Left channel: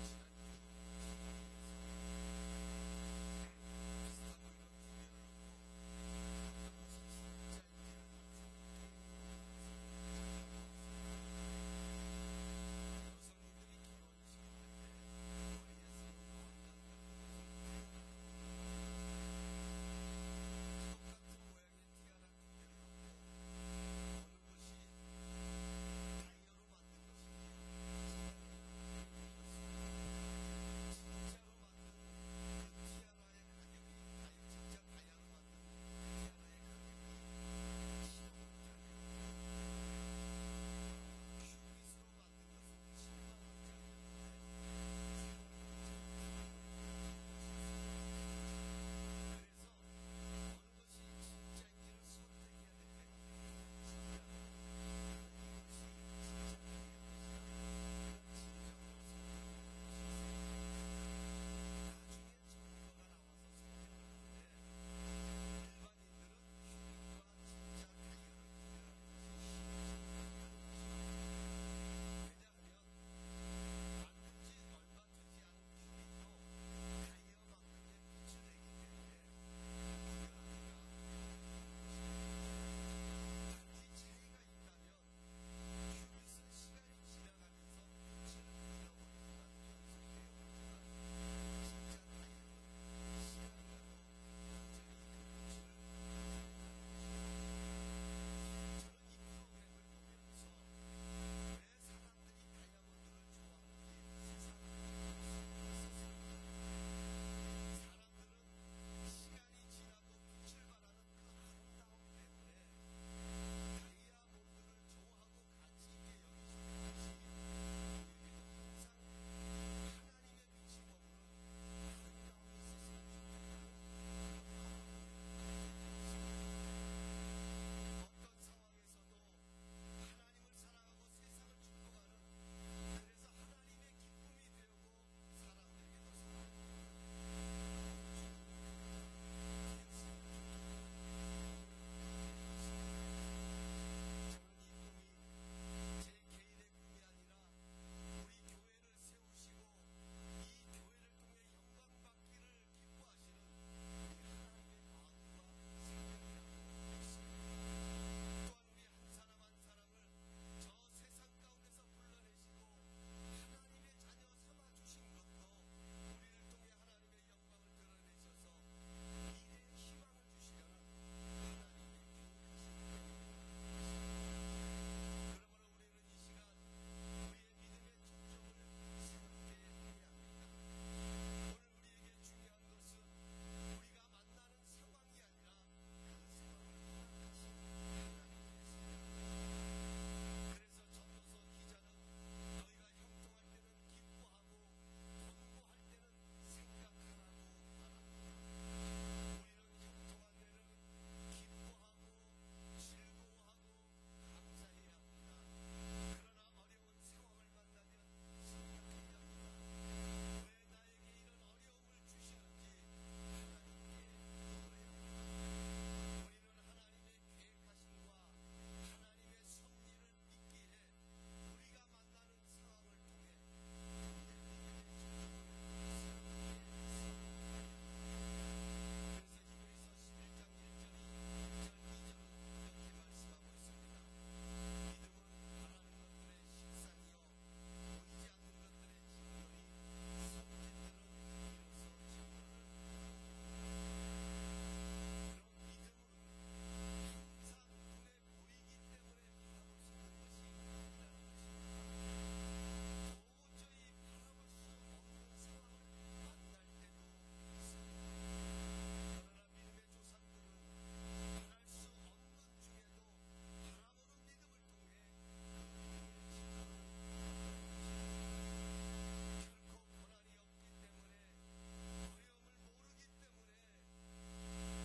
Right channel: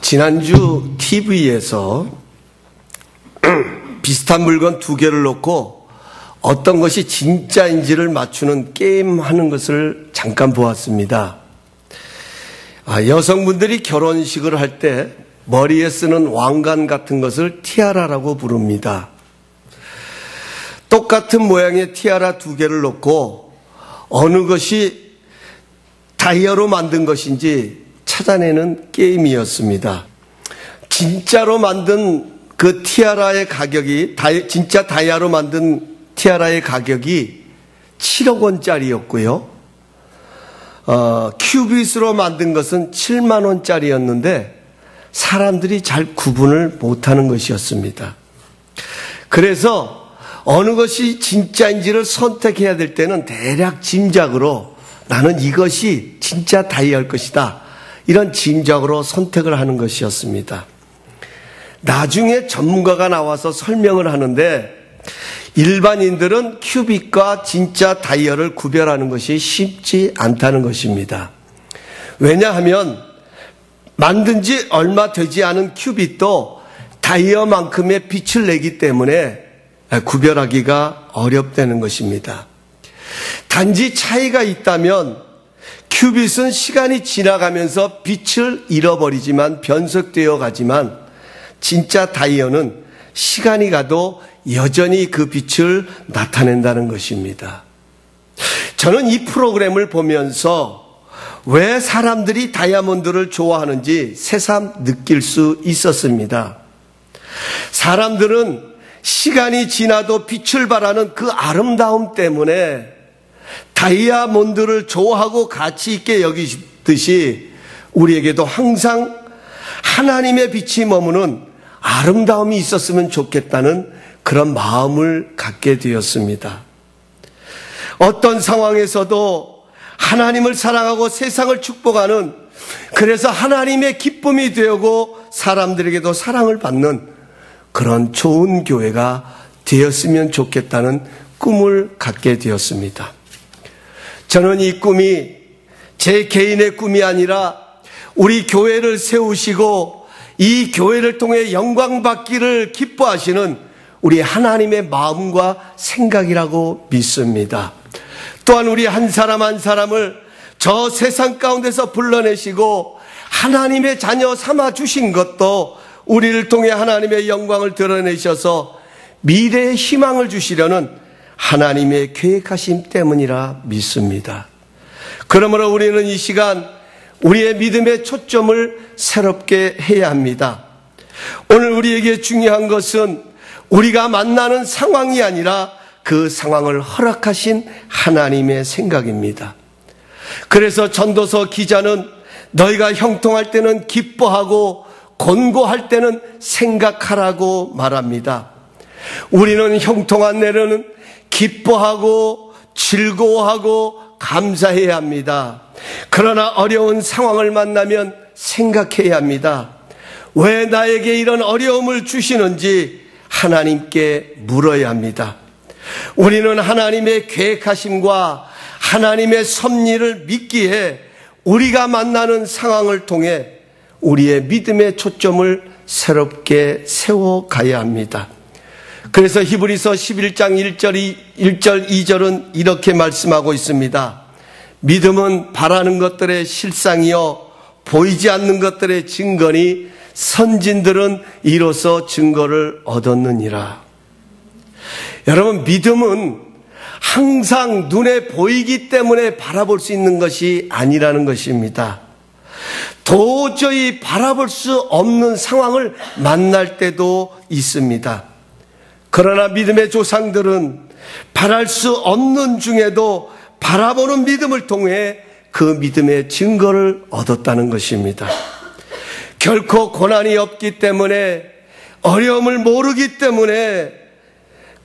지난주 TV에서 비슷한 물건 두 개를 놓고 어떤 것이 진짜인지를 맞추는 게임 하는 것을 잠깐 보았습니다. 여성분들이 결혼식을 할 때 머리에 쓰는 왕관 같은 것을 티아라라고 부릅니다. 똑같은 모양의 티아라 두 개를 놓고 어느 것이 다이아로 만든 것인지 찾아내는 게임이었습니다. 진짜로 만든 그 티아라의 가격이, 진짜 다이아로 만든 티아라의 가격이 7억 원짜리였고요. 큐빗으로 만든 것은 7만 원짜리였는데 사람들이 잘 구분을 못하는 것이었습니다. 그래서 어느 것이 진짜인지를 선택해야 될 때는 대략 짐작으로 나는 이것이 진짜 다이아일 것이다, 이런 짐작으로 선택을 하는 것이었습니다. 나중에 전문가가 나와서 설명을 하는데 일반인들은 큐빅과 진짜 다이아를 구별하는 것이 쉽지 않다는 것입니다. 왜냐하면 만든 지 얼마 되지 않은 큐빅도 다이아만큼의 빛을 내기 때문에 구별하기가 어렵다는 것입니다. 단지 차이가 있다면 큐빗은 시간이 지나가면서 빛을 잃어버리지만 변색되어 가지만 진짜 다이아는 시간이 가도 여전히 그 빛을 나타낸다는 것입니다. 저는 이 프로그램을 보면서 왜 사람들이 다이아몬드를 좋아하는지 새삼 느낄 수 있었습니다. 사람들은 시간이 지나도 빛을 발하는 그 아름다움 때문에 다이아몬드를 좋아하고 가치 있게 여기듯이 우리에게도 항상 하나님의 빛이 머무는 아름다움이 있었으면 좋겠다는 그런 마음을 갖게 되었습니다. 어떤 상황에서도 하나님을 사랑하고 세상을 축복하는, 그래서 하나님의 기쁨이 되고 사람들에게도 사랑을 받는 그런 좋은 교회가 되었으면 좋겠다는 꿈을 갖게 되었습니다. 저는 이 꿈이 제 개인의 꿈이 아니라 우리 교회를 세우시고 이 교회를 통해 영광 받기를 기뻐하시는 우리 하나님의 마음과 생각이라고 믿습니다. 또한 우리 한 사람 한 사람을 저 세상 가운데서 불러내시고 하나님의 자녀 삼아 주신 것도 우리를 통해 하나님의 영광을 드러내셔서 미래의 희망을 주시려는 하나님의 계획하심 때문이라 믿습니다. 그러므로 우리는 이 시간 우리의 믿음의 초점을 새롭게 해야 합니다. 오늘 우리에게 중요한 것은 우리가 만나는 상황이 아니라 그 상황을 허락하신 하나님의 생각입니다. 그래서 전도서 기자는 너희가 형통할 때는 기뻐하고 곤고할 때는 생각하라고 말합니다. 우리는 형통한 날에는 기뻐하고 즐거워하고 감사해야 합니다. 그러나 어려운 상황을 만나면 생각해야 합니다. 왜 나에게 이런 어려움을 주시는지 하나님께 물어야 합니다. 우리는 하나님의 계획하심과 하나님의 섭리를 믿기에 우리가 만나는 상황을 통해 우리의 믿음의 초점을 새롭게 세워가야 합니다. 그래서 히브리서 11장 1절 2절은 이렇게 말씀하고 있습니다. 믿음은 바라는 것들의 실상이요 보이지 않는 것들의 증거니 선진들은 이로써 증거를 얻었느니라. 여러분, 믿음은 항상 눈에 보이기 때문에 바라볼 수 있는 것이 아니라는 것입니다. 도저히 바라볼 수 없는 상황을 만날 때도 있습니다. 그러나 믿음의 조상들은 바랄 수 없는 중에도 바라보는 믿음을 통해 그 믿음의 증거를 얻었다는 것입니다. 결코 고난이 없기 때문에, 어려움을 모르기 때문에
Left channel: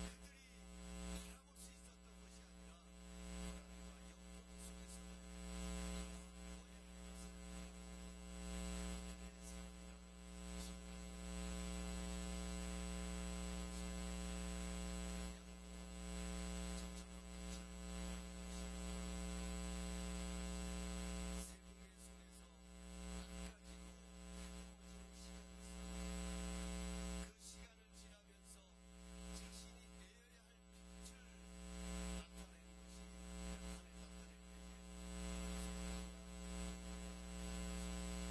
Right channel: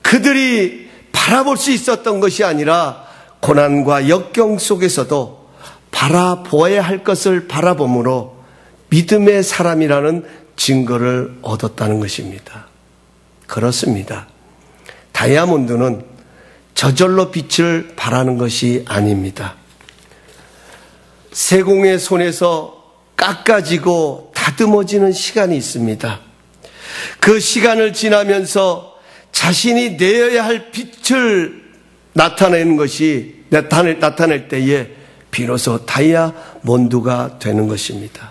그들이 바라볼 수 있었던 것이 아니라 고난과 역경 속에서도 바라보아야 할 것을 바라봄으로 믿음의 사람이라는 증거를 얻었다는 것입니다. 그렇습니다. 다이아몬드는 저절로 빛을 발하는 것이 아닙니다. 세공의 손에서 깎아지고 다듬어지는 시간이 있습니다. 그 시간을 지나면서 자신이 내어야 할 빛을 나타낼 때에 비로소 다이아몬드가 되는 것입니다.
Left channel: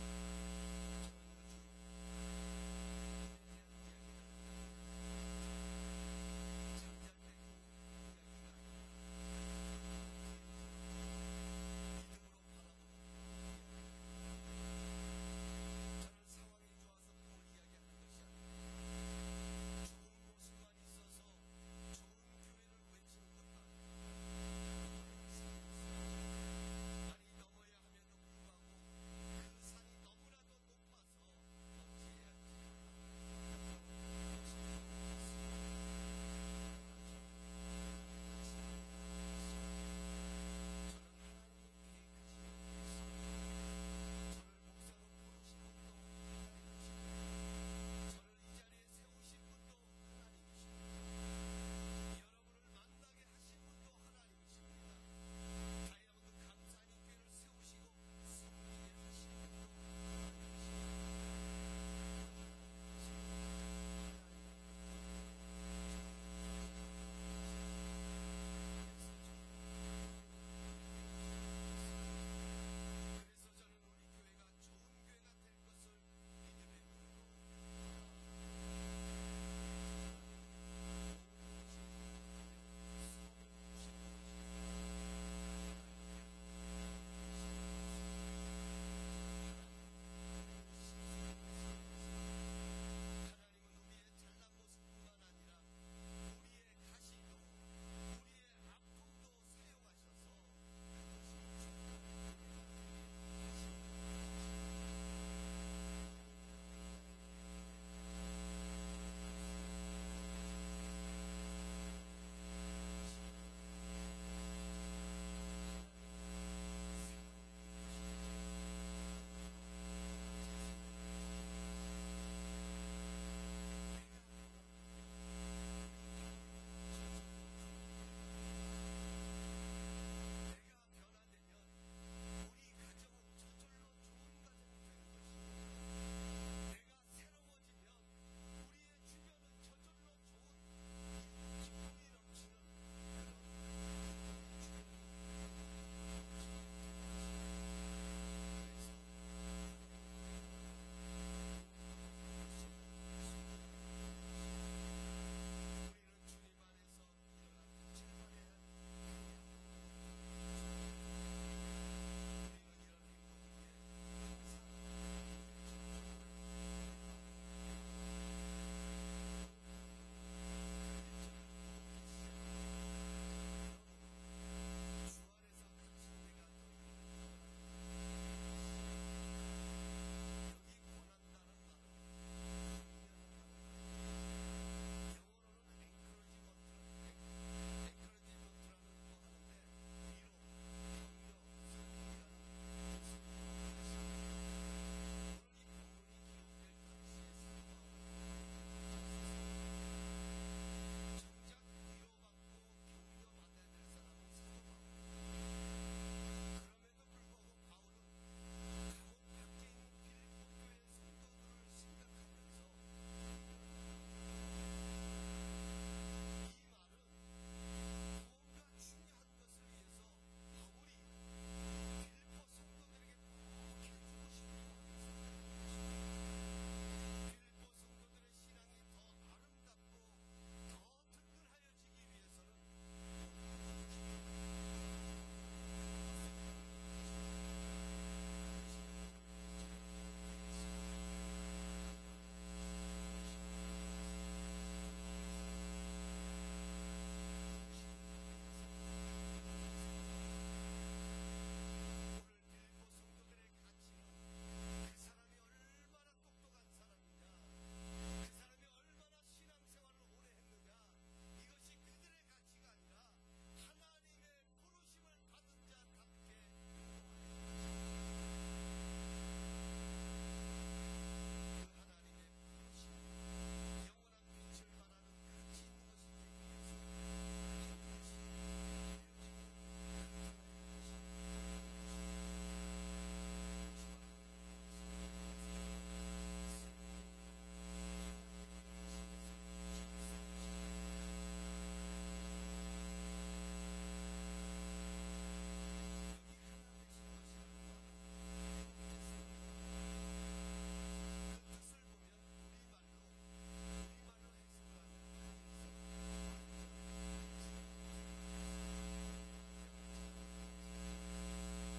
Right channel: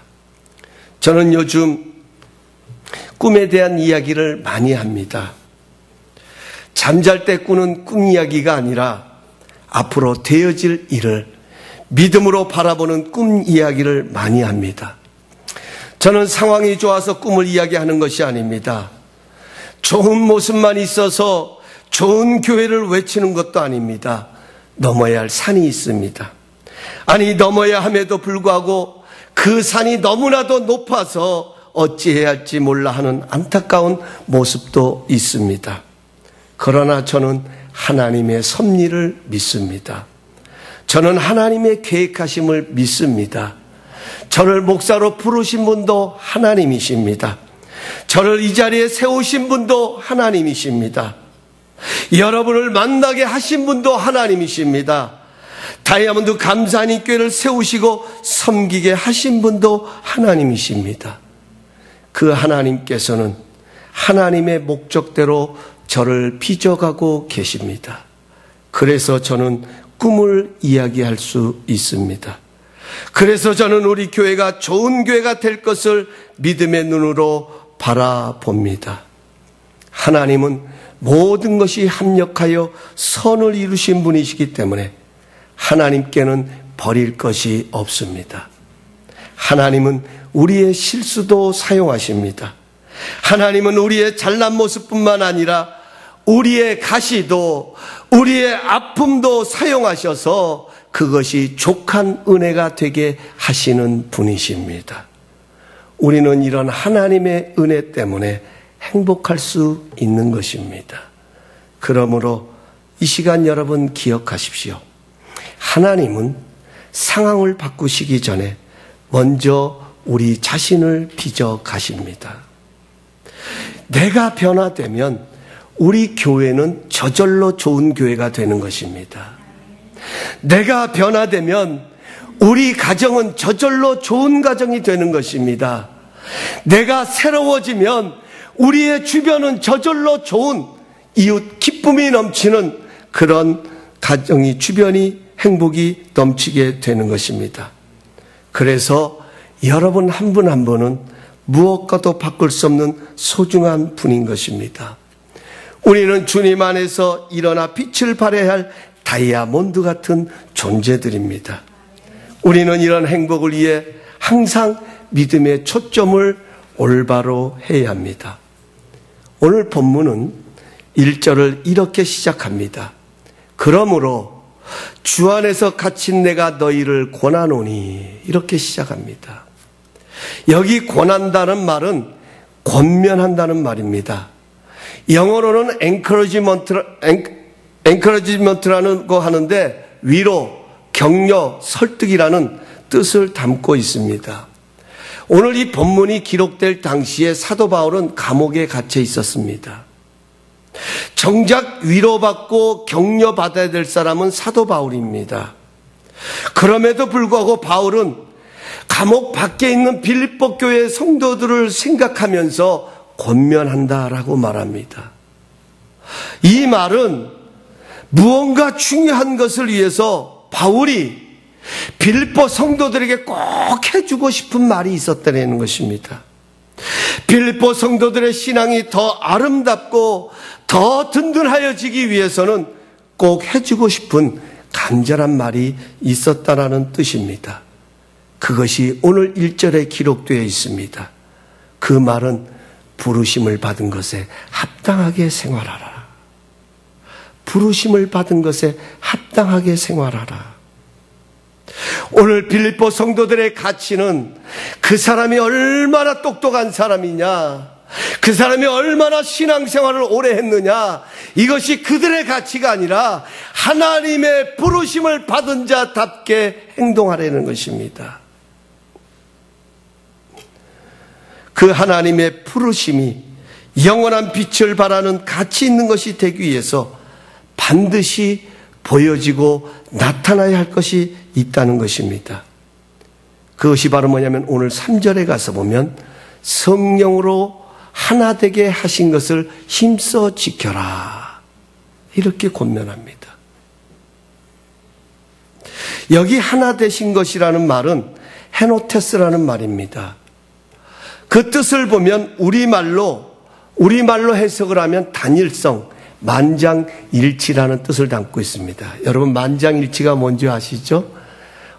저는 요즘 꿈에 대한 이야기를 많이 합니다. 잠잘 때 꾸는 꿈 이야기가 아니라 앞으로 되어질 일을 믿음으로 바라보는 꿈 이야기를 많이 합니다. 저는 상황이 좋아서 꿈을 이야기하는 것이 아닙니다. 좋은 모습만 있어서 좋은 교회를 외치는 것도 아닙니다. 넘어야 할 산이 있습니다. 아니, 넘어야 함에도 불구하고 그 산이 너무나도 높아서 어찌해야 할지 몰라 하는 안타까운 모습도 있습니다. 그러나 저는 하나님의 섭리를 믿습니다. 저는 하나님의 계획하심을 믿습니다. 저를 목사로 부르신 분도 하나님이십니다. 저를 이 자리에 세우신 분도 하나님이십니다. 여러분을 만나게 하신 분도 하나님이십니다. 다이아몬드 감사하니 교회를 세우시고 섬기게 하신 분도 하나님이십니다. 그 하나님께서는 하나님의 목적대로 저를 빚어가고 계십니다. 그래서 저는 꿈을 이야기할 수 있습니다. 그래서 저는 우리 교회가 좋은 교회가 될 것을 믿음의 눈으로 바라봅니다. 하나님은 모든 것이 합력하여 선을 이루신 분이시기 때문에 하나님께는 버릴 것이 없습니다. 하나님은 우리의 실수도 사용하십니다. 하나님은 우리의 잘난 모습뿐만 아니라 우리의 가시도 우리의 아픔도 사용하셔서 그것이 족한 은혜가 되게 하시는 분이십니다. 우리는 이런 하나님의 은혜 때문에 행복할 수 있는 것입니다. 그러므로 이 시간 여러분 기억하십시오. 하나님은 상황을 바꾸시기 전에 먼저 우리 자신을 빚어 가십니다. 내가 변화되면 우리 교회는 저절로 좋은 교회가 되는 것입니다. 내가 변화되면 우리 가정은 저절로 좋은 가정이 되는 것입니다. 내가 새로워지면 우리의 주변은 저절로 좋은 이웃 기쁨이 넘치는 그런 가정이 주변이 행복이 넘치게 되는 것입니다. 그래서 여러분 한 분 한 분은 무엇과도 바꿀 수 없는 소중한 분인 것입니다. 우리는 주님 안에서 일어나 빛을 발해야 할 다이아몬드 같은 존재들입니다. 우리는 이런 행복을 위해 항상 믿음의 초점을 올바로 해야 합니다. 오늘 본문은 1절을 이렇게 시작합니다. 그러므로 주 안에서 갇힌 내가 너희를 권하노니, 이렇게 시작합니다. 여기 권한다는 말은 권면한다는 말입니다. 영어로는 encouragement라는 거 하는데 위로, 격려, 설득이라는 뜻을 담고 있습니다. 오늘 이 본문이 기록될 당시에 사도 바울은 감옥에 갇혀 있었습니다. 정작 위로받고 격려받아야 될 사람은 사도 바울입니다. 그럼에도 불구하고 바울은 감옥 밖에 있는 빌립보 교회 성도들을 생각하면서 권면한다라고 말합니다. 이 말은 무언가 중요한 것을 위해서 바울이 빌립보 성도들에게 꼭 해주고 싶은 말이 있었다는 것입니다. 빌립보 성도들의 신앙이 더 아름답고 더 든든하여지기 위해서는 꼭 해주고 싶은 간절한 말이 있었다라는 뜻입니다. 그것이 오늘 1절에 기록되어 있습니다. 그 말은 부르심을 받은 것에 합당하게 생활하라. 부르심을 받은 것에 합당하게 생활하라. 오늘 빌립보 성도들의 가치는 그 사람이 얼마나 똑똑한 사람이냐, 그 사람이 얼마나 신앙생활을 오래 했느냐, 이것이 그들의 가치가 아니라 하나님의 부르심을 받은 자답게 행동하려는 것입니다. 그 하나님의 부르심이 영원한 빛을 발하는 가치 있는 것이 되기 위해서 반드시 보여지고 나타나야 할 것이 있다는 것입니다. 그것이 바로 뭐냐면 오늘 3절에 가서 보면 성령으로 하나 되게 하신 것을 힘써 지켜라. 이렇게 권면합니다. 여기 하나 되신 것이라는 말은 헤노테스라는 말입니다. 그 뜻을 보면 우리말로 해석을 하면 단일성, 만장일치라는 뜻을 담고 있습니다. 여러분, 만장일치가 뭔지 아시죠?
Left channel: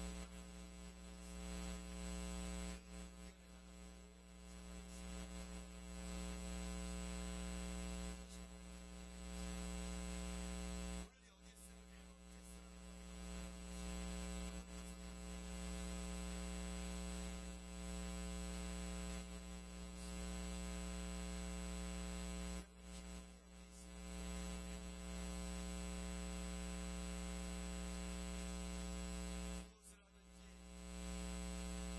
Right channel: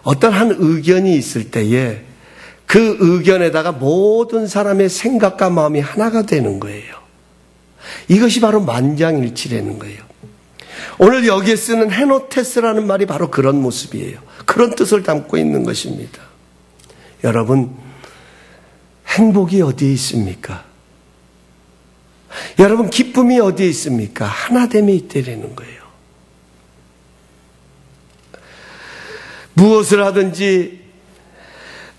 어떤 한 의견이 있을 때에 그 의견에다가 모든 사람의 생각과 마음이 하나가 되는 거예요. 이것이 바로 만장일치라는 거예요. 오늘 여기에 쓰는 헤노테스라는 말이 바로 그런 모습이에요. 그런 뜻을 담고 있는 것입니다. 여러분, 행복이 어디에 있습니까? 여러분, 기쁨이 어디에 있습니까? 하나됨이 있다라는 거예요. 무엇을 하든지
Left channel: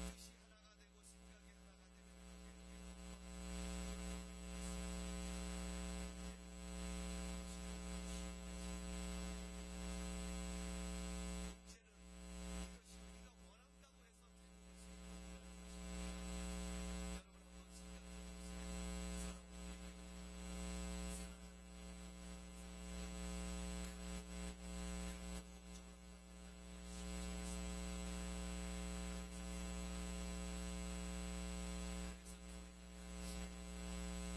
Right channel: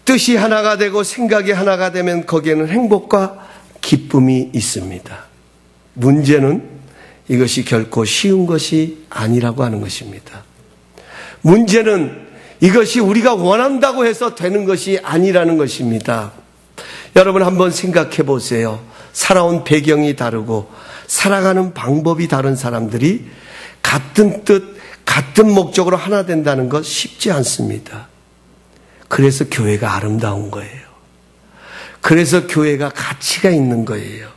뜻이 하나가 되고 생각이 하나가 되면 거기에는 행복과 기쁨이 있습니다. 문제는 이것이 결코 쉬운 것이 아니라고 하는 것입니다. 문제는 이것이 우리가 원한다고 해서 되는 것이 아니라는 것입니다. 여러분, 한번 생각해 보세요. 살아온 배경이 다르고 살아가는 방법이 다른 사람들이 같은 뜻, 같은 목적으로 하나 된다는 것 쉽지 않습니다. 그래서 교회가 아름다운 거예요. 그래서 교회가 가치가 있는 거예요.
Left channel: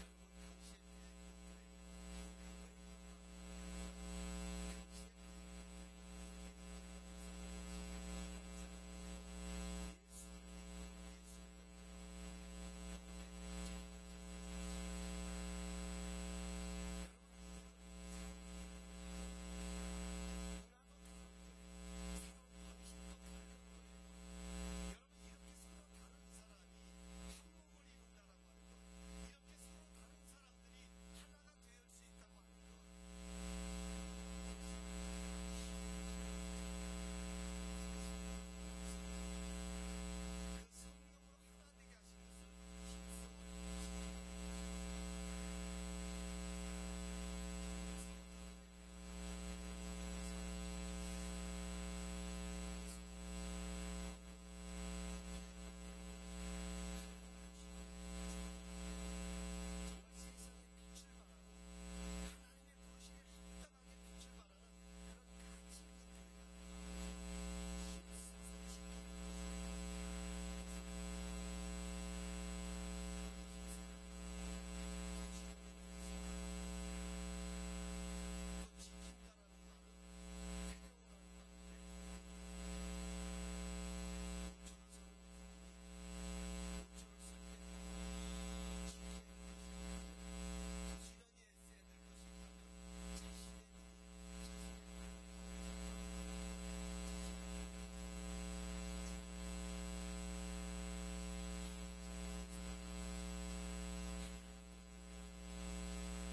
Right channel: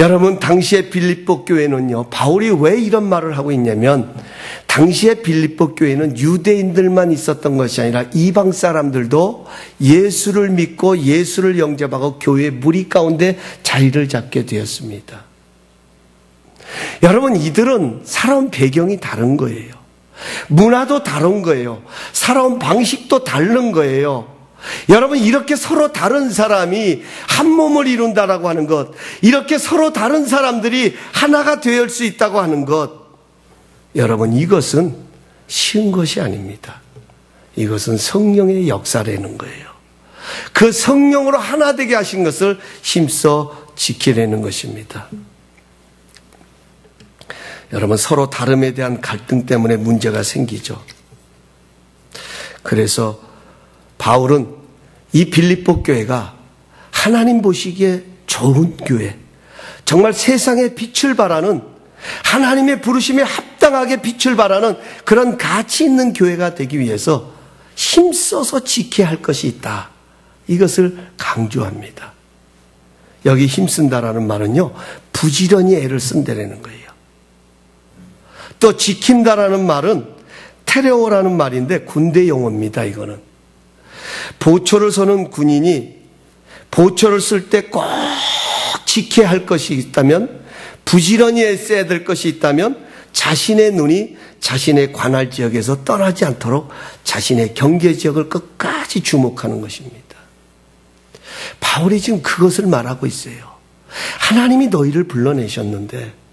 여러분, 당시의 빌립보 교회는요, 바울이 왜 이런 말을 하고 있냐면, 당시의 빌립보 교회는 유대인들만 있었던 것이 아니라 이방 사람들도 예수를 믿고 예수를 영접하고 교회 무리 가운데 자리를 잡게 되었습니다. 여러분, 이들은 살아온 배경이 다른 거예요. 문화도 다른 거예요. 살아온 방식도 다른 거예요. 여러분, 이렇게 서로 다른 사람이 한 몸을 이룬다라고 하는 것, 이렇게 서로 다른 사람들이 하나가 될 수 있다고 하는 것, 여러분, 이것은 쉬운 것이 아닙니다. 이것은 성령의 역사라는 거예요. 그 성령으로 하나 되게 하신 것을 힘써 지키려는 것입니다. 여러분, 서로 다름에 대한 갈등 때문에 문제가 생기죠. 그래서 바울은 이 빌립보 교회가 하나님 보시기에 좋은 교회, 정말 세상에 빛을 발하는, 하나님의 부르심에 합당하게 빛을 발하는 그런 가치 있는 교회가 되기 위해서 힘써서 지켜야 할 것이 있다. 이것을 강조합니다. 여기 힘쓴다라는 말은요, 부지런히 애를 쓴다라는 거예요. 또 지킨다라는 말은 테레오라는 말인데 군대 용어입니다. 이거는 보초를 서는 군인이 보초를 쓸 때 꼭 지켜야 할 것이 있다면, 부지런히 애써야 될 것이 있다면 자신의 눈이 자신의 관할 지역에서 떠나지 않도록 자신의 경계 지역을 끝까지 주목하는 것입니다. 바울이 지금 그것을 말하고 있어요. 하나님이 너희를 불러내셨는데,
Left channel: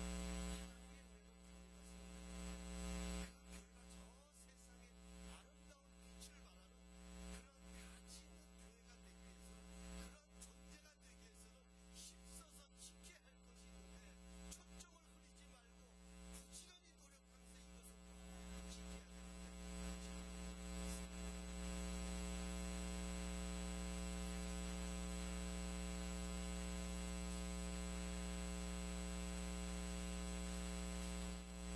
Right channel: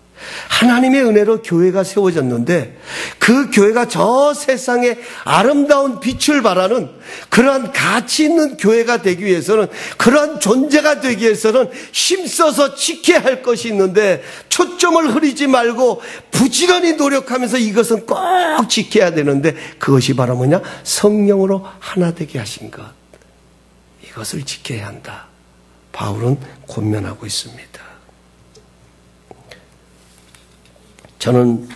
하나님의 은혜로 교회가 세워졌는데, 그 교회가 저 세상에 아름다운 빛을 발하는 그러한 가치 있는 교회가 되기 위해서는, 그러한 존재가 되기 위해서는 힘써서 지켜야 할 것이 있는데, 초점을 흐리지 말고 부지런히 노력하면서 이것은 꼭 지켜야 되는데, 그것이 바로 뭐냐? 성령으로 하나 되게 하신 것, 이것을 지켜야 한다. 바울은 권면하고 있습니다. 저는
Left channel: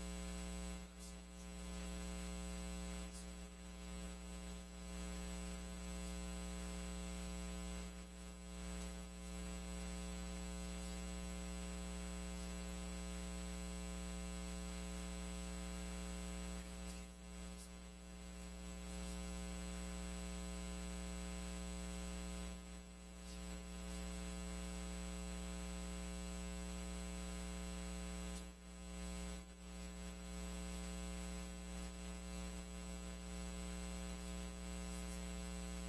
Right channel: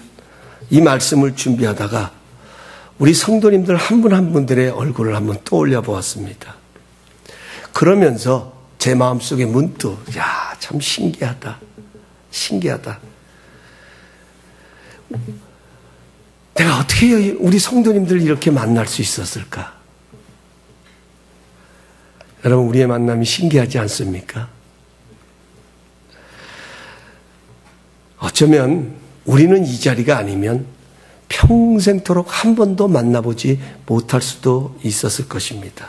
이 말씀을 준비하다가 우리 성도님들 한 분 한 분들의 얼굴을 한번 떠올려 보았습니다. 그러면서 제 마음속에 문득, 야, 참 신기하다. 신기하다. 내가 어떻게 우리 성도님들 이렇게 만날 수 있었을까? 여러분, 우리의 만남이 신기하지 않습니까? 어쩌면 우리는 이 자리가 아니면 평생토록 한 번도 만나보지 못할 수도 있었을 것입니다.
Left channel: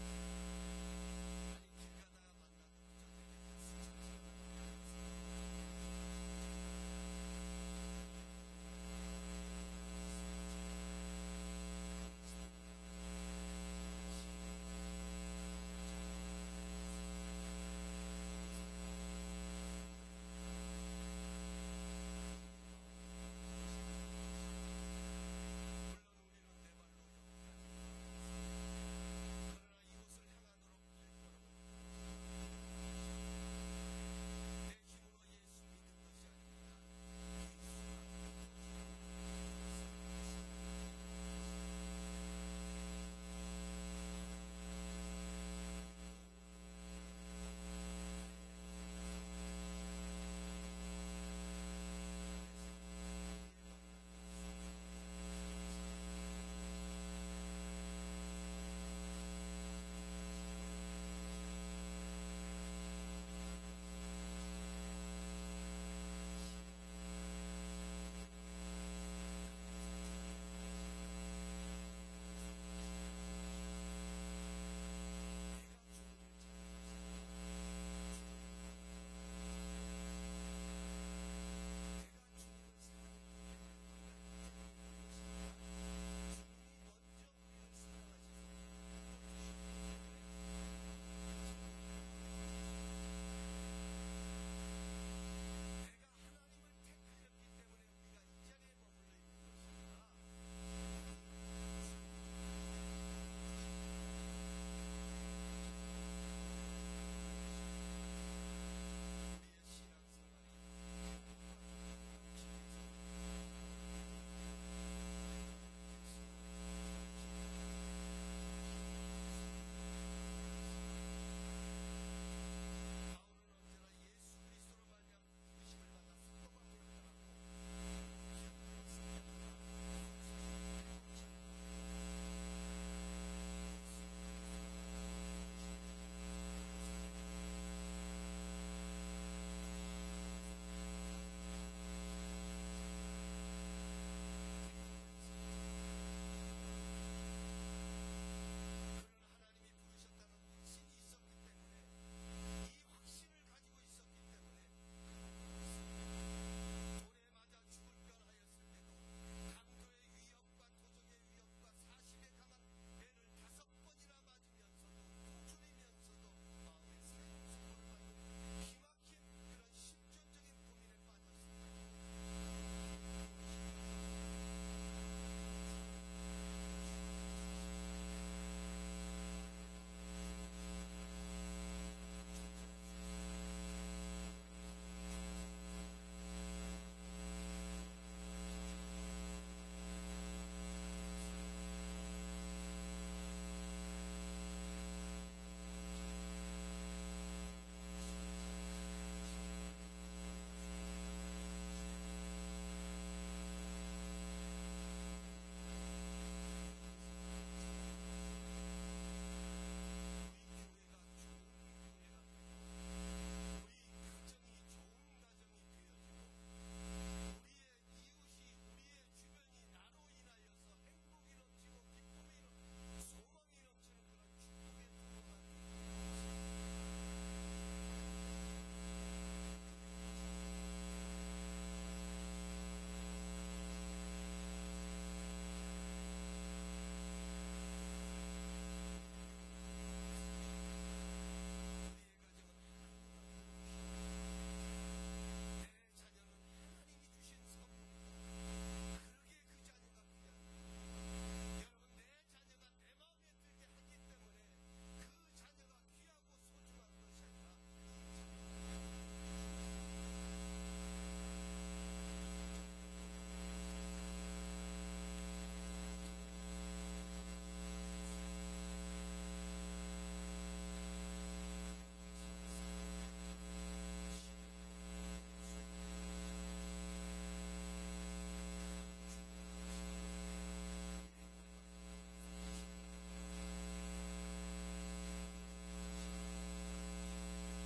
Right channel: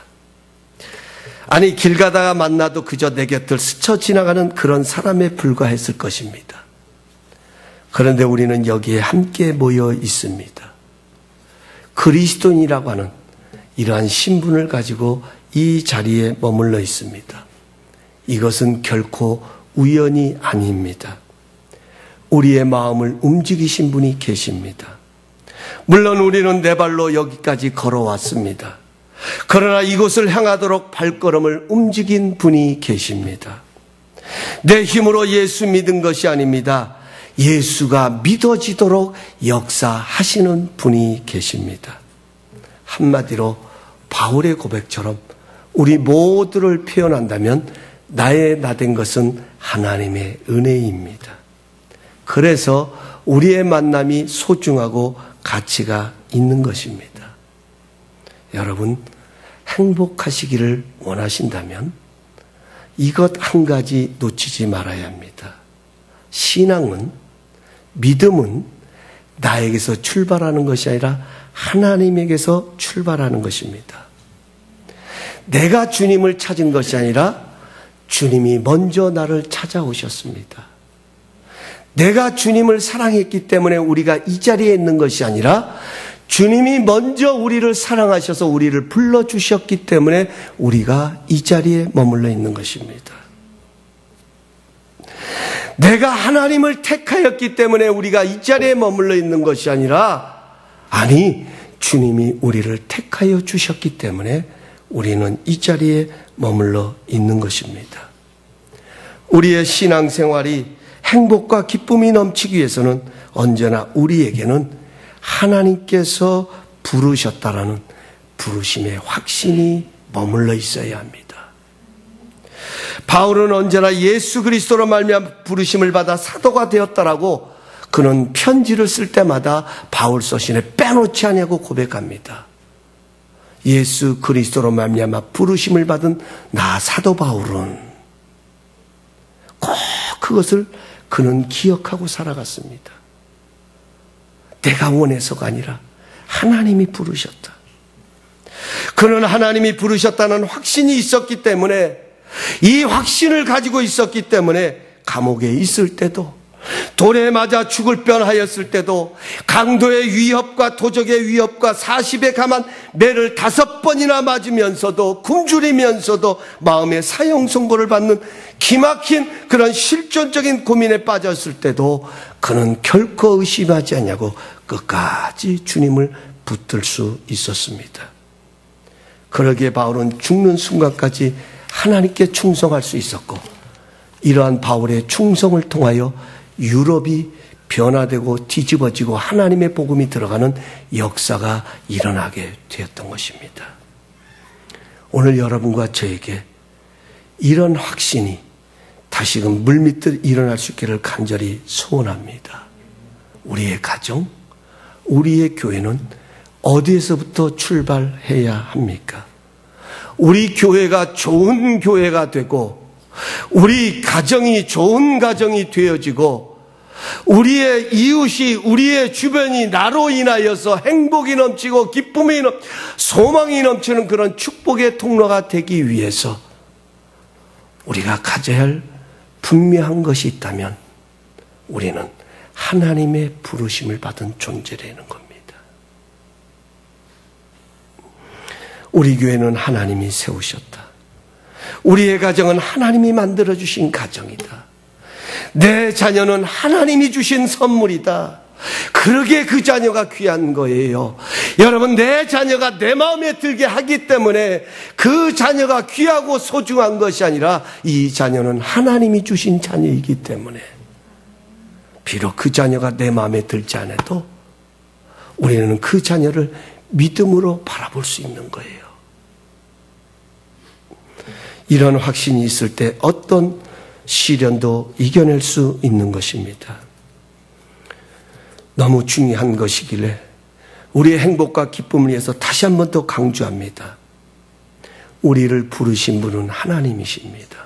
아니, 길 가다가 만나도 그저 내 곁을 스쳐 지나가는 그런 사람에 불과했을 것입니다. 그런데 우리는 여기에 함께 모여 있습니다. 그리스도인이라고 하는 이러한 신분을 가지고 이 자리에 머물러 있습니다. 이것은 결코 우연이 아닙니다. 우리의 마음을 움직이신 분이 계십니다. 물론 우리는 네 발로 여기까지 걸어왔습니다. 그러나 이곳을 향하도록 발걸음을 움직인 분이 계십니다. 내 힘으로 예수 믿은 것이 아닙니다. 예수가 믿어지도록 역사하시는 분이 계십니다. 한마디로 바울의 고백처럼 우리 모두를 표현한다면 나의 나된 것은 하나님의 은혜입니다. 그래서 우리의 만남이 소중하고 가치가 있는 것입니다. 여러분, 행복하시기를 원하신다면 이것 한 가지 놓치지 말아야 합니다. 신앙은, 믿음은 나에게서 출발하는 것이 아니라 하나님에게서 출발하는 것입니다. 내가 주님을 찾은 것이 아니라 주님이 먼저 나를 찾아오셨습니다. 내가 주님을 사랑했기 때문에 우리가 이 자리에 있는 것이 아니라 주님이 먼저 우리를 사랑하셔서 우리를 불러주셨기 때문에 우리가 이 자리에 머물러 있는 것입니다. 내가 하나님을 택하였기 때문에 우리가 이 자리에 머물러 있는 것이 아니라 주님이 우리를 택하여 주셨기 때문에 우리는 이 자리에 머물러 있는 것입니다. 우리의 신앙생활이 행복과 기쁨이 넘치기 위해서는 언제나 우리에게는 하나님께서 부르셨다라는 부르심의 확신이 머물러 있어야 합니다. 바울은 언제나 예수 그리스도로 말미암아 부르심을 받아 사도가 되었다라고 그는 편지를 쓸 때마다 바울 서신에 빼놓지 않냐고 고백합니다. 예수 그리스도로 말미암아 부르심을 받은 나 사도 바울은 꼭 그것을 그는 기억하고 살아갔습니다. 내가 원해서가 아니라 하나님이 부르셨다. 그는 하나님이 부르셨다는 확신이 있었기 때문에, 이 확신을 가지고 있었기 때문에 감옥에 있을 때도, 돌에 맞아 죽을 뻔하였을 때도, 강도의 위협과 도적의 위협과 40에 감한 매를 5번이나 맞으면서도, 굶주리면서도 마음의 사형 선고를 받는 기막힌 그런 실존적인 고민에 빠졌을 때도 그는 결코 의심하지 않냐고 끝까지 주님을 붙들 수 있었습니다. 그러기에 바울은 죽는 순간까지 하나님께 충성할 수 있었고, 이러한 바울의 충성을 통하여 유럽이 변화되고 뒤집어지고 하나님의 복음이 들어가는 역사가 일어나게 되었던 것입니다. 오늘 여러분과 저에게 이런 확신이 다시금 물밀듯 일어날 수 있기를 간절히 소원합니다. 우리의 가정, 우리의 교회는 어디에서부터 출발해야 합니까? 우리 교회가 좋은 교회가 되고, 우리 가정이 좋은 가정이 되어지고, 우리의 이웃이, 우리의 주변이 나로 인하여서 행복이 넘치고 기쁨이 소망이 넘치는 그런 축복의 통로가 되기 위해서 우리가 가져야 할 분명한 것이 있다면 우리는 하나님의 부르심을 받은 존재라는 겁니다. 우리 교회는 하나님이 세우셨다. 우리의 가정은 하나님이 만들어주신 가정이다. 내 자녀는 하나님이 주신 선물이다. 그러기에 그 자녀가 귀한 거예요. 여러분, 내 자녀가 내 마음에 들게 하기 때문에 그 자녀가 귀하고 소중한 것이 아니라 이 자녀는 하나님이 주신 자녀이기 때문에 비록 그 자녀가 내 마음에 들지 않아도 우리는 그 자녀를 믿음으로 바라볼 수 있는 거예요. 이런 확신이 있을 때 어떤 시련도 이겨낼 수 있는 것입니다. 너무 중요한 것이길래 우리의 행복과 기쁨을 위해서 다시 한 번 더 강조합니다. 우리를 부르신 분은 하나님이십니다.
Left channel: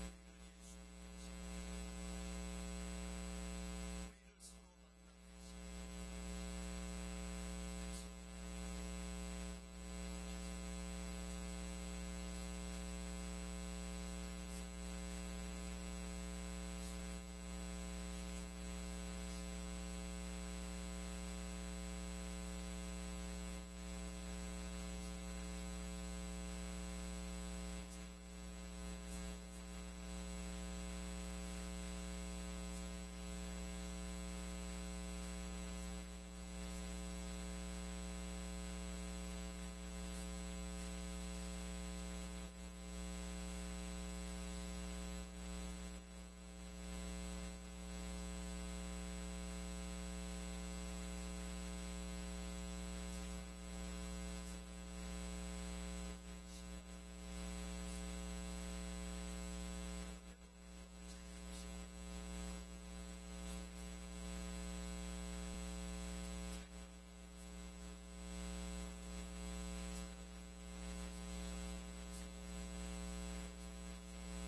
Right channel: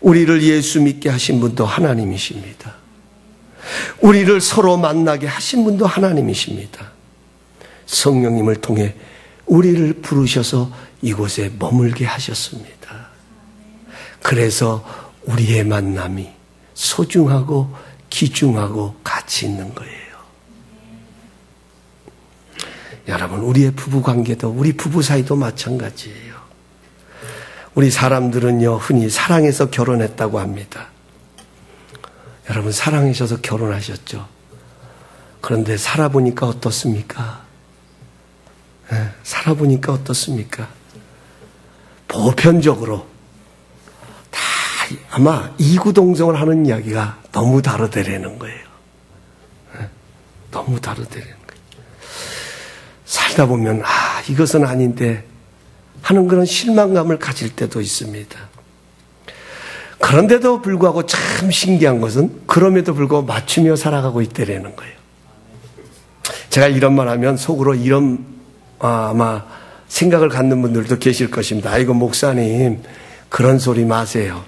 우리를 예수 믿게 하신 분도 하나님이십니다. 우리를 서로 만나게 하신 분도 하나님이십니다. 성령님을 통해 우리를 부르셔서 이곳에 머물게 하셨습니다. 그래서 우리의 만남이 소중하고 귀중하고 가치 있는 거예요. 여러분, 우리의 부부관계도, 우리 부부 사이도 마찬가지예요. 우리 사람들은요, 흔히 사랑해서 결혼했다고 합니다. 여러분, 사랑하셔서 결혼하셨죠? 그런데 살아보니까 어떻습니까? 살아보니까 어떻습니까? 보편적으로 다 아마 이구동성을 하는 이야기가 너무 다르더라는 거예요. 너무 다르더라는 거예요. 살다 보면 이것은 아닌데 하는 그런 실망감을 가질 때도 있습니다. 그런데도 불구하고 참 신기한 것은 그럼에도 불구하고 맞추며 살아가고 있다라는 거예요. 제가 이런 말 하면 속으로 이런 아마 생각을 갖는 분들도 계실 것입니다. 아이고 목사님 그런 소리 마세요.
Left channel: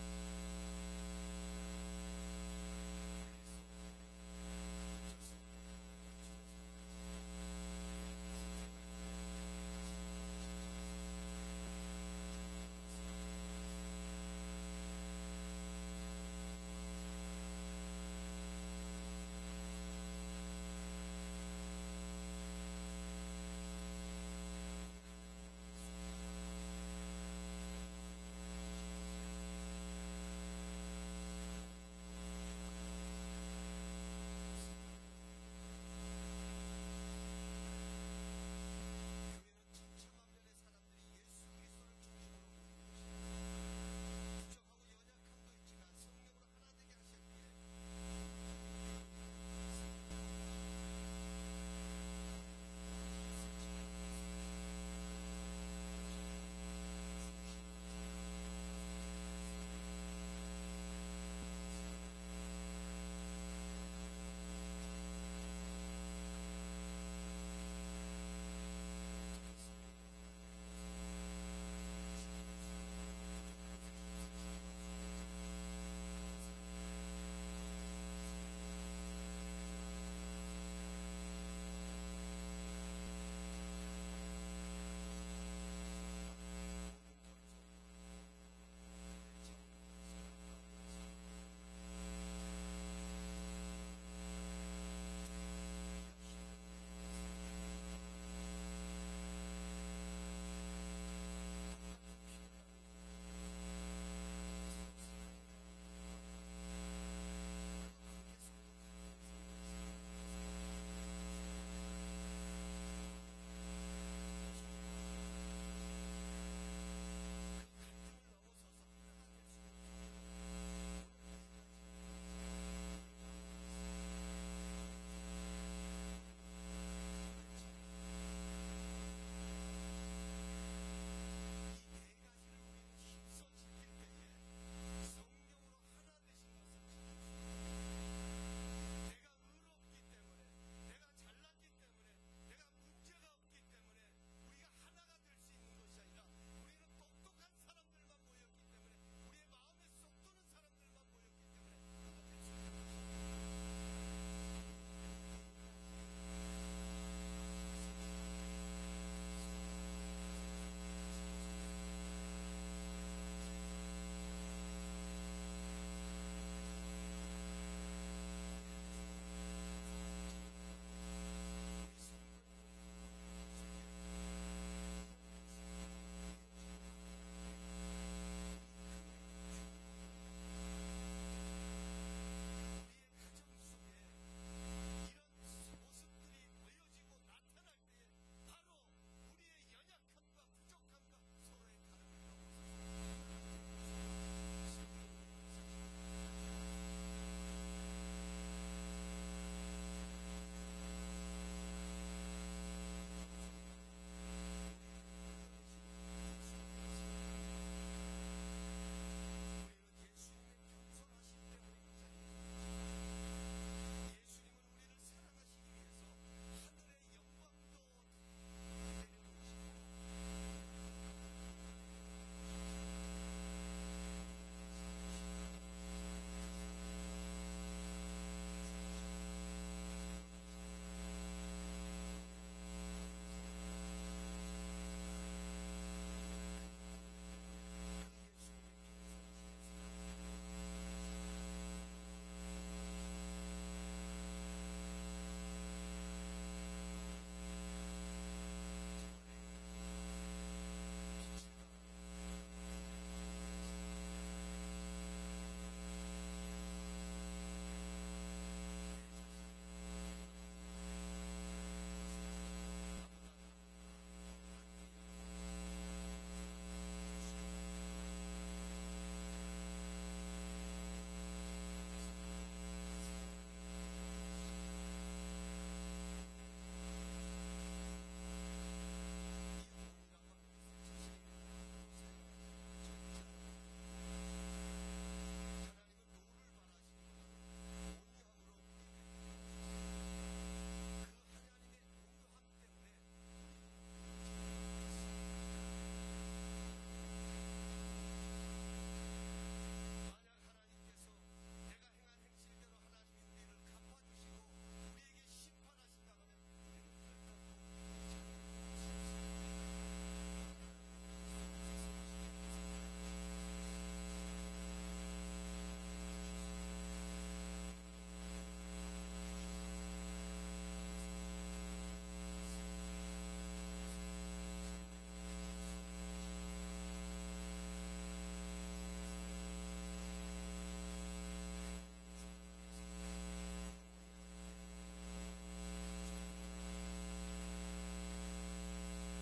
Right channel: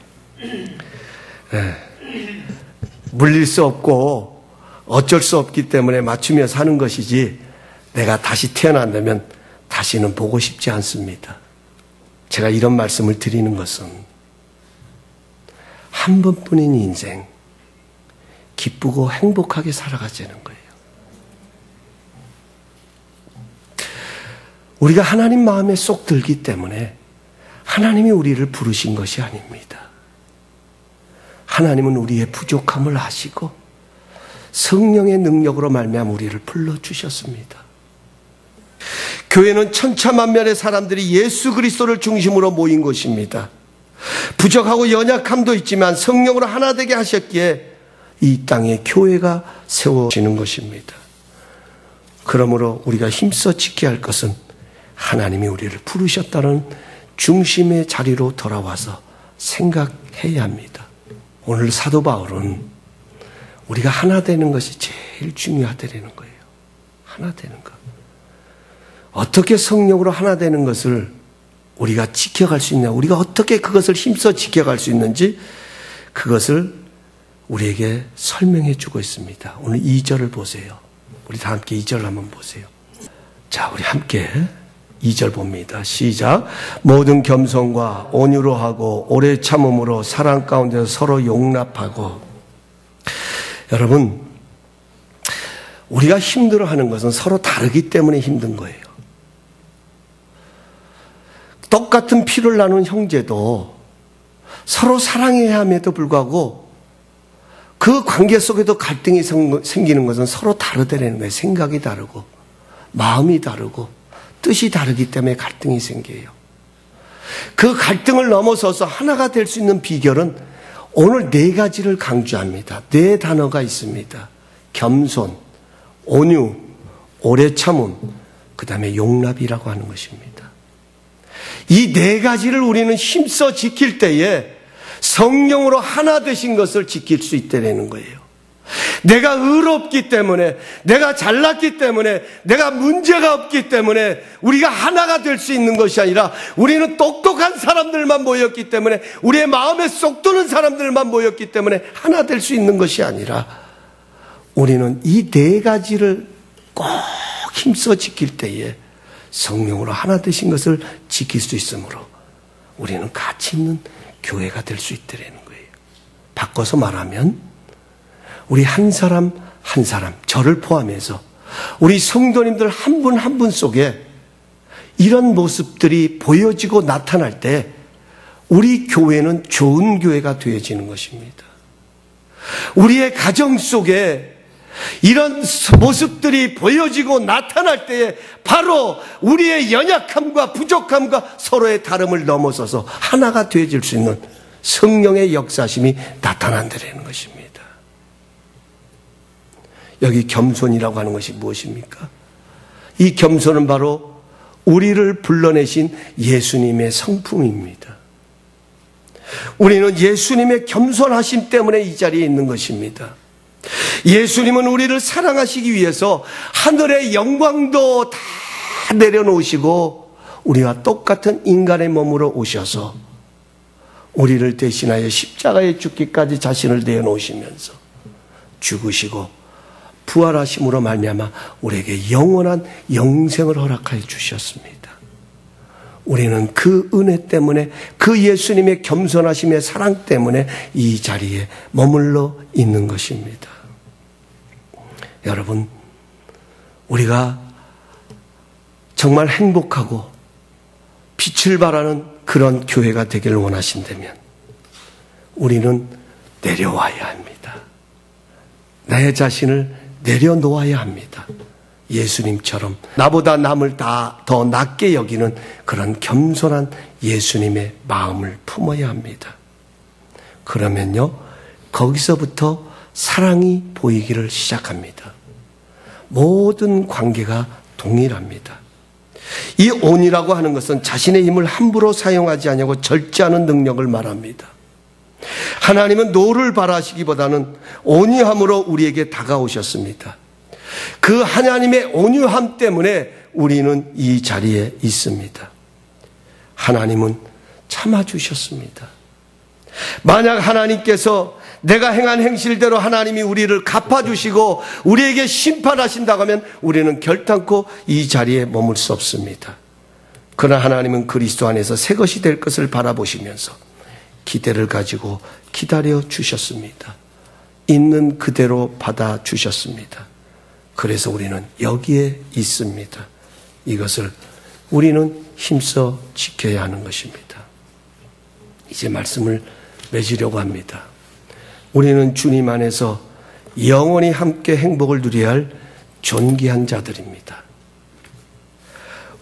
물릴 수 없고 어쩔 수 없기 때문에 맞추며 사는 것이지 내가 다시 태어난다면 다시는 보고 싶지 않습니다. 제가 이런 말씀을 드리는 것은 한 번뿐인 인생 기쁘고 행복하게 살아가자는 거예요. 우리가 하나님 마음에 쏙 들기 때문에 하나님이 우리를 부르신 것이 아닙니다. 하나님은 우리의 부족함을 아시고 성령의 능력으로 말미암아 우리를 불러주셨습니다. 교회는 천차만별의 사람들이 예수 그리스도를 중심으로 모인 곳입니다. 부족하고 연약함도 있지만 성령으로 하나 되게 하셨기에 이 땅에 교회가 세워지는 것입니다. 그러므로 우리가 힘써 지켜야 할 것은 하나님이 우리를 부르셨다는 중심의 자리로 돌아와서 생각해야 합니다. 오늘 사도 바울은 우리가 하나 되는 것이 제일 중요하다는 거예요. 하나 되는 것. 어떻게 성령으로 하나 되는 것을 우리가 지켜갈 수 있냐, 우리가 어떻게 그것을 힘써 지켜갈 수 있는지 그것을 우리에게 설명해 주고 있습니다. 오늘 2절을 보세요. 우리 다 함께 2절 한번 보세요. 자, 우리 함께 2절 봅니다. 시작. 모든 겸손과 온유로 하고 오래 참음으로 사랑 가운데서 서로 용납하고. 여러분, 우리가 힘들어하는 것은 서로 다르기 때문에 힘든 거예요. 똑같은 피를 나눈 형제도 서로 사랑해야 함에도 불구하고 그 관계 속에도 갈등이 생기는 것은 서로 다르다는 거예요. 생각이 다르고 마음이 다르고 뜻이 다르기 때문에 갈등이 생겨요. 그 갈등을 넘어서서 하나가 될 수 있는 비결은 오늘 4가지를 강조합니다. 4단어가 있습니다. 겸손, 온유, 오래 참음, 그 다음에 용납이라고 하는 것입니다. 이 4가지를 우리는 힘써 지킬 때에 성령으로 하나 되신 것을 지킬 수 있다는 거예요. 내가 의롭기 때문에, 내가 잘났기 때문에, 내가 문제가 없기 때문에 우리가 하나가 될 수 있는 것이 아니라 우리는 똑똑한 사람들만 모였기 때문에, 우리의 마음에 쏙 드는 사람들만 모였기 때문에 하나 될 수 있는 것이 아니라 우리는 이 4가지를 꼭 힘써 지킬 때에 성령으로 하나 되신 것을 지킬 수 있으므로 우리는 가치 있는 교회가 될 수 있다는 거예요. 바꿔서 말하면 우리 한 사람 한 사람, 저를 포함해서 우리 성도님들 한 분 한 분 속에 이런 모습들이 보여지고 나타날 때 우리 교회는 좋은 교회가 되어지는 것입니다. 우리의 가정 속에 이런 모습들이 보여지고 나타날 때에 바로 우리의 연약함과 부족함과 서로의 다름을 넘어서서 하나가 되어질 수 있는 성령의 역사심이 나타난다는 것입니다. 여기 겸손이라고 하는 것이 무엇입니까? 이 겸손은 바로 우리를 불러내신 예수님의 성품입니다. 우리는 예수님의 겸손하심 때문에 이 자리에 있는 것입니다. 예수님은 우리를 사랑하시기 위해서 하늘의 영광도 다 내려놓으시고 우리와 똑같은 인간의 몸으로 오셔서 우리를 대신하여 십자가에 죽기까지 자신을 내어놓으시면서 죽으시고 부활하심으로 말미암아 우리에게 영원한 영생을 허락하여 주셨습니다. 우리는 그 은혜 때문에, 그 예수님의 겸손하심의 사랑 때문에 이 자리에 머물러 있는 것입니다. 여러분, 우리가 정말 행복하고 빛을 발하는 그런 교회가 되기를 원하신다면 우리는 내려와야 합니다. 나의 자신을 내려놓아야 합니다. 예수님처럼 나보다 남을 더 낮게 여기는 그런 겸손한 예수님의 마음을 품어야 합니다. 그러면요, 거기서부터 사랑이 보이기를 시작합니다. 모든 관계가 동일합니다. 이 온이라고 하는 것은 자신의 힘을 함부로 사용하지 아니하고 절제하는 능력을 말합니다. 하나님은 노를 바라시기보다는 온유함으로 우리에게 다가오셨습니다. 그 하나님의 온유함 때문에 우리는 이 자리에 있습니다. 하나님은 참아주셨습니다. 만약 하나님께서 내가 행한 행실대로 하나님이 우리를 갚아주시고 우리에게 심판하신다고 하면 우리는 결단코 이 자리에 머물 수 없습니다. 그러나 하나님은 그리스도 안에서 새 것이 될 것을 바라보시면서 기대를 가지고 기다려 주셨습니다. 있는 그대로 받아주셨습니다. 그래서 우리는 여기에 있습니다. 이것을 우리는 힘써 지켜야 하는 것입니다. 이제 말씀을 맺으려고 합니다. 우리는 주님 안에서 영원히 함께 행복을 누려야 할 존귀한 자들입니다.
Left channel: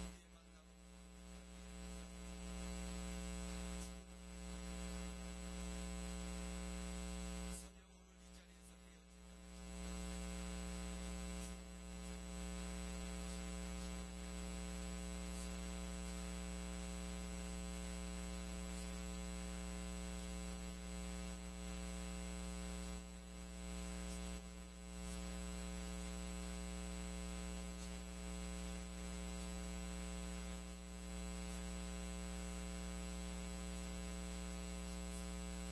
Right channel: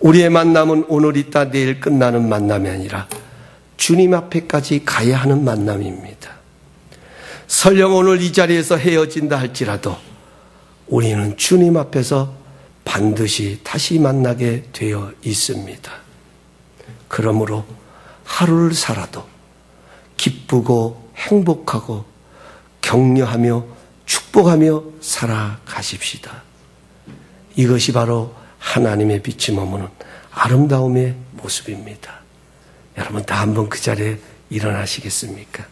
우리의 만남은 오늘 있다 내일 끝나는 만남이 아니라 주님 앞에까지 가야 하는 만남입니다. 설령 오늘 이 자리에서 헤어진다 할지라도 우리는 주님 앞에서 반드시 다시 만나게 되어 있습니다. 그러므로 하루를 살아도 기쁘고 행복하고 격려하며 축복하며 살아가십시다. 이것이 바로 하나님의 빛이 머무는 아름다움의 모습입니다. 여러분 다 한번 그 자리에 일어나시겠습니까?